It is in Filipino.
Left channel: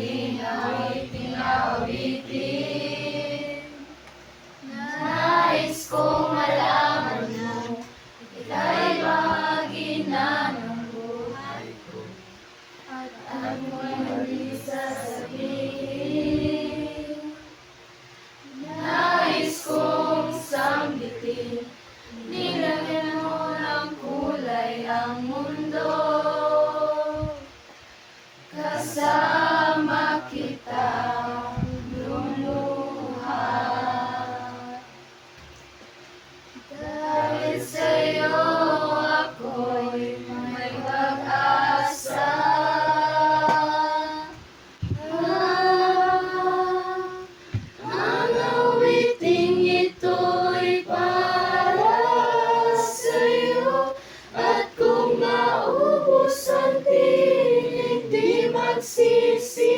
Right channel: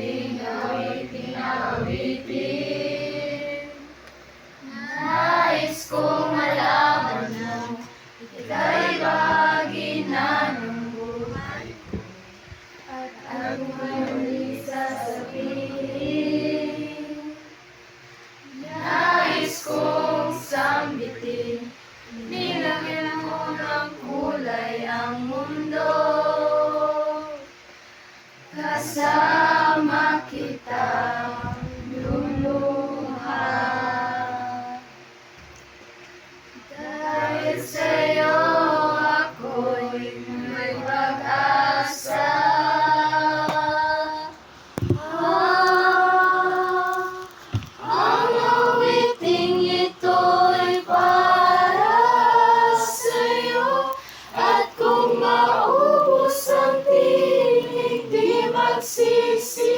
ating awiting awitin. Nais kong malaman mo, ika'y bahagi na ng buhay ko, at ang muli sasabihin. Nais kong sambitin, nilagyan mo ng kulay ang mundo. Kasama kita lumuha. Dahil sa'yo ako'y may pag-asa. Ang awiting ito'y para sa'yo, at kung maubos ang tinig, di magsisi.